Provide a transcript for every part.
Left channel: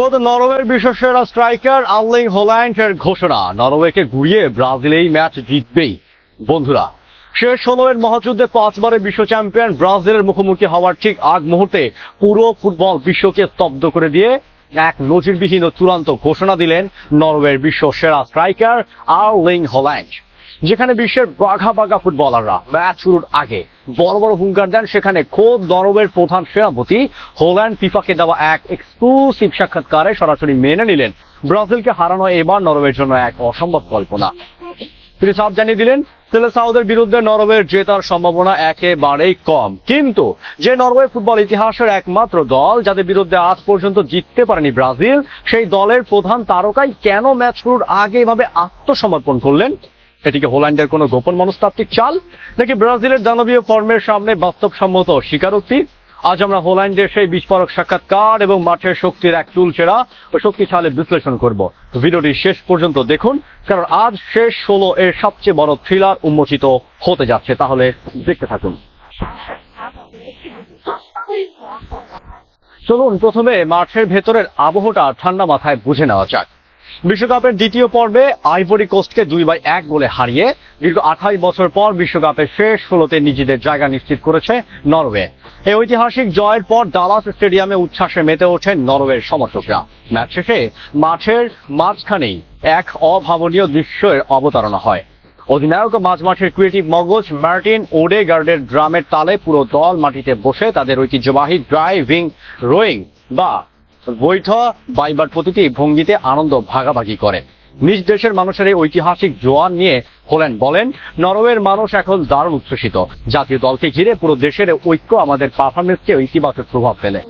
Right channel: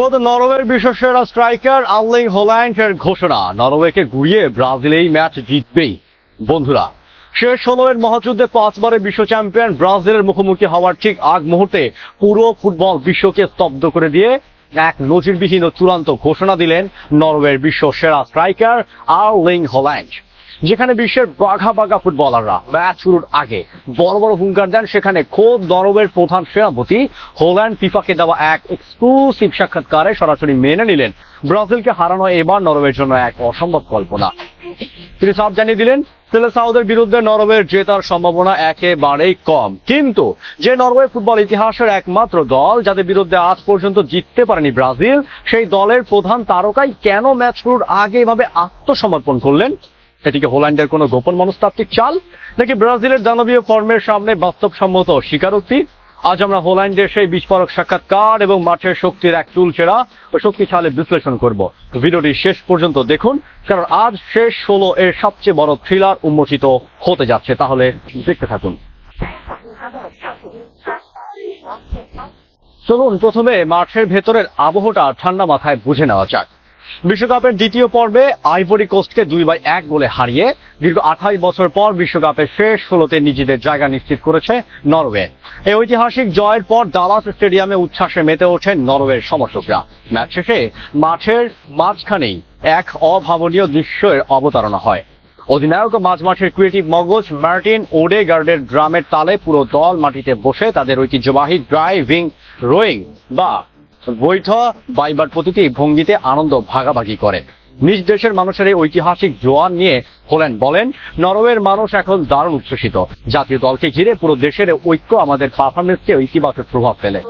গত নরওয়ের বিশ্বসেরা striker Erling হল্যান্ডের ঘোষণা, নরওয়েকে ঘুরিয়ে ব্রাজিল এই ম্যাচ জিতবেই। বন্ধুরা, শেষ সময়ের মহাযুদ্ধে 5 বারের বিশ্ব চ্যাম্পিয়ন ব্রাজিলের মুখোমুখি হওয়ার ঠিক আগ মুহূর্তে পুরো ফুটবল বিশ্বকে স্তব্ধ করে দিয়ে এক নজিরবিহীন চূড়ান্ত ঘোষণা দিলেন নরওয়ের বিশ্ব সেরা স্ট্রাইকার আর্লিং হল্যান্ড। যেখানে বিশ্বের বাঘা বাঘা ফুটবলাররা ম্যাচ শুরুর আগে বড় বড় হুঙ্কার দেন, সেখানে খোদ নরওয়ের প্রধান সেনাপতি হল্যান্ড ফিফাকে দেওয়া এক এক্সক্লুসিভ সাক্ষাৎকারে সরাসরি মেনে নিলেন ব্রাজিলকে হারানো এবার নরওয়ের জন্য এক অসম্ভব কল্পনা। তিনি সাফ জানিয়ে দিলেন সেলেসাওদের বিরুদ্ধে নরওয়ের জেতার সম্ভাবনা একেবারেই কম, কিন্তু যে নরওয়ে ফুটবল ইতিহাসের একমাত্র দল যাদের বিরুদ্ধে আজ পর্যন্ত জিততে পারেনি ব্রাজিল, সেই দলের প্রধান তারকাই কেন ম্যাচ শুরুর আগে এভাবে আত্মসমর্পণ করলেন? এটিকে হল্যান্ডের কোনো গোপন মনস্তাত্ত্বিক চাল, নাকি ব্রাজিলের দানবীয় কর্মের সামনে বাস্তবসম্মত স্বীকারোক্তি? আজ আমরা হল্যান্ডের সেই বিস্ফোরক সাক্ষাৎকার এবং মাঠের শক্তির এক চুলচেরা ও শক্তিশালী বিশ্লেষণ করব। ভিডিওটি শেষ পর্যন্ত দেখুন, কারণ আজ শেষ 16 এর সবচেয়ে বড় থ্রিলার উন্মোচিত হতে যাচ্ছে। তাহলে দেখতে থাকুন। চলুন প্রথমে মাঠের ভেতরের আবহটা ঠান্ডা মাথায় বুঝে নেওয়া যাক। বিশ্বকাপের দ্বিতীয় পর্বে আইভরি কোস্টকে 2-1 গোলে হারিয়ে দীর্ঘ 28 বছর পর বিশ্বকাপের শেষ 16তে নিজেদের জায়গা নিশ্চিত করেছে নরওয়ে। এই ঐতিহাসিক জয়ের পর ডালাস স্টেডিয়ামে উচ্ছ্বাসে মেতে ওঠেন নরওয়ের সমর্থকরা। ম্যাচ শেষে মাঠের মাঝখানেই এক অভাবনীয় দৃশ্যের অবতারণা হয়। অধিনায়ক ও মাঝমাঠের ক্রিয়েটিভ মগজ মার্টিন ওডেগার্ডের ড্রামের তালে পুরো দল মাটিতে বসে তাদের ঐতিহ্যবাহী ড্রাইভিং রোয়িং বা বৈধ বাইবার প্রতিটি ভঙ্গিতে আনন্দ ভাগাভাগি করেন। নিজ দেশের মানুষের এই ঐতিহাসিক জোয়ার নিয়ে হল্যান্ড বলেন, নরওয়ের মানুষ এখন দারুণ উচ্ছ্বসিত। জাতীয় দলকে ঘিরে পুরো দেশের ঐক্য আমাদের পারফরমেন্সকে ইতিবাচক প্রভাব ফেলে।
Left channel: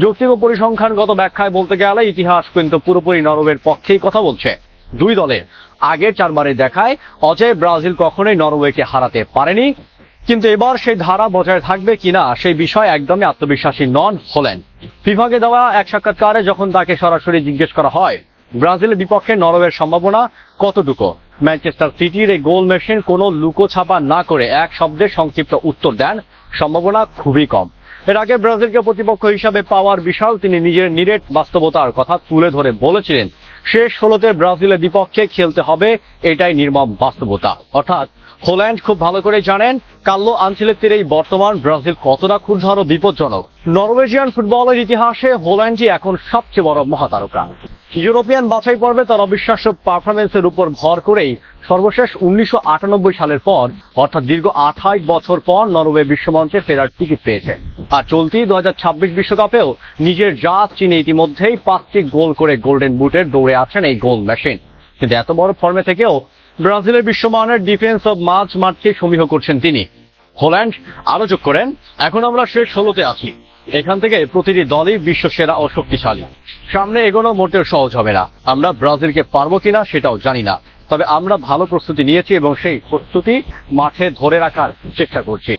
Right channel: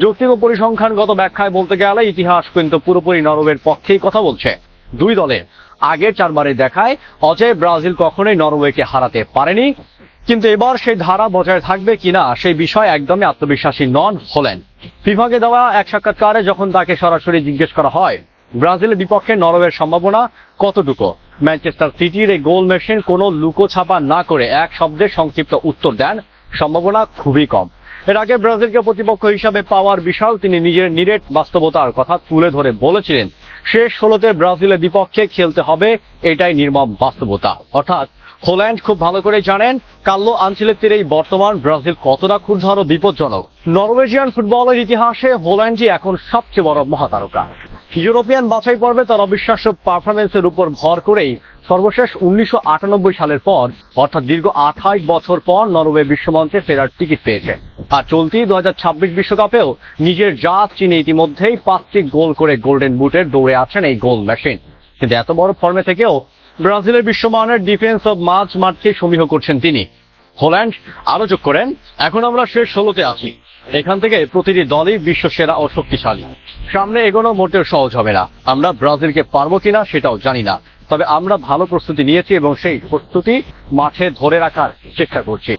যৌক্তিক ও পরিসংখ্যানগত ব্যাখ্যায় বলতে গেলে ইতিহাস কিন্তু পুরোপুরি নরওয়ের পক্ষেই কথা বলছে। দুই দলের আগের 4 বারে দেখায় অজয় ব্রাজিল কখনোই নরওয়েকে হারাতে পারেনি, কিন্তু এবার সেই ধারা বজায় থাকবে কিনা সেই বিষয়ে একদমই আত্মবিশ্বাসী নন হল্যান্ড। ফিফাকে দেওয়া এক সাক্ষাৎকারে যখন তাকে সরাসরি জিজ্ঞেস করা হয় ব্রাজিলের বিপক্ষে নরওয়ের সম্ভাবনা কতটুকু, ম্যানচেস্টার সিটির এই গোল মেশিন কোনো লুকোছাপা না করে এক শব্দের সংক্ষিপ্ত উত্তর দেন, সম্ভাবনা খুবই কম। এর আগে ব্রাজিলকে প্রতিপক্ষ হিসাবে পাওয়ার বিষয় তিনি নিজের নিরেট বাস্তবতার কথা তুলে ধরে বলেছিলেন, শেষ 16তে ব্রাজিলের বিপক্ষে খেলতে হবে, এটাই নির্মম বাস্তবতা। অর্থাৎ হল্যান্ড খুব ভালো করে জানেন কার্লো আনচেলত্তির এই বর্তমান ব্রাজিল কতটা ক্ষুদ্র ও বিপজ্জনক। নরওয়েজিয়ান ফুটবলের ইতিহাসে হল্যান্ডই এখন সবচেয়ে বড় মহাতারকা। ইউরোপিয়ান বাছাই পর্বে তার অবিশ্বাস্য পারফরমেন্সের উপর ভর করেই সর্বশেষ 1998 সালের পর, অর্থাৎ দীর্ঘ 28 বছর পর নরওয়ে বিশ্বমঞ্চে ফেরার টিকিট পেয়েছে। আর চলতি 2026 বিশ্বকাপেও নিজের জাত চিনে ইতিমধ্যেই 5টি গোল করে গোল্ডেন বুটের দৌড়ে আছেন এই গোল মেশিন। কিন্তু এত বড় ফর্মে থেকেও ব্রাজিলের বিশ্বমানের ডিফেন্স অব মাঠকে সমীহ করছেন তিনি। হল্যান্ড আরো যোগ করেন, এখন আমরা শেষ 16তে আছি, এখান থেকে প্রতিটি দলই বিশ্ব সেরা ও শক্তিশালী। সামনে এগোনো মোটেও সহজ হবে না। আমরা ব্রাজিলকে পারবো কিনা সেটাও জানি না, তবে আমরা ভালো প্রস্তুতি নিয়েছি এবং সেই প্রস্তুতি মাঠে ধরে রাখার চেষ্টা করছি।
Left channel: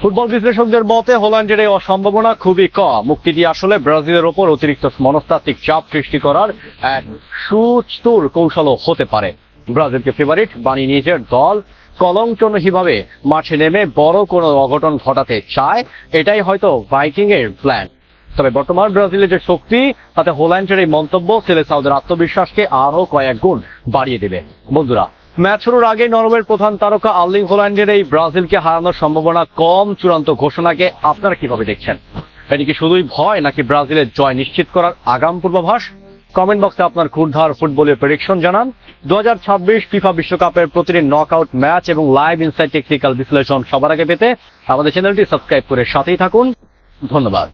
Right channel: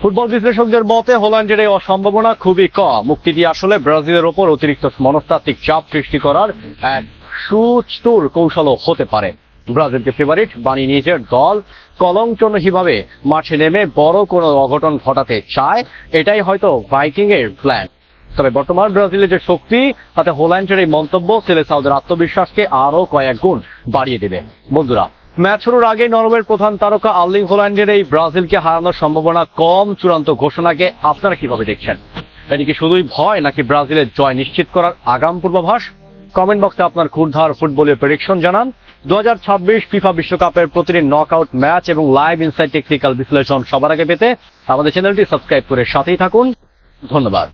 ফুটবল বিশ্লেষকদের মতে হল্যান্ডের এই অসম্ভাবনা খুবই কম। মুক্তিটি আসলে ব্রাজিলের ওপর অতিরিক্ত মনস্তাত্ত্বিক চাপ সৃষ্টি করার এক সুচতুর কৌশলও হতে পারে। ব্রাজিলকে ফেভারিট বানিয়ে নিজের দল কলঙ্কহীনভাবে মাঠে নেমে বড় কোনো অঘটন ঘটাতে চায়, এটাই হয়তো ভাইকিং এর প্ল্যান। তবে বর্তমান ব্রাজিলের যে শক্তি, তাতে হল্যান্ডের এই মন্তব্য সেলেসাওদের আত্মবিশ্বাসকে আরো কয়েক গুণ বাড়িয়ে দেবে। বন্ধুরা, ম্যাচ শুরুর আগে নরওয়ের প্রধান তারকা আর্লিং হল্যান্ডের এই ব্রাজিলকে হারানোর সম্ভাবনা কম চূড়ান্ত ঘোষণাকে আপনারা কিভাবে দেখছেন? এটি কি শুধুই ভয়, নাকি ব্রাজিলের জয় নিশ্চিত করার আগাম পূর্বাভাস? কমেন্ট বক্সে আপনার ক্ষুরধার ফুটবলের প্রেডিকশন জানান। 2026 ফিফা বিশ্বকাপের প্রতিটি নকআউট ম্যাচ এবং লাইভ ইনসাইড টেকনিক্যাল বিশ্লেষণ সবার আগে পেতে আমাদের চ্যানেলটি সাবস্ক্রাইব করে সাথেই থাকুন। ধন্যবাদ।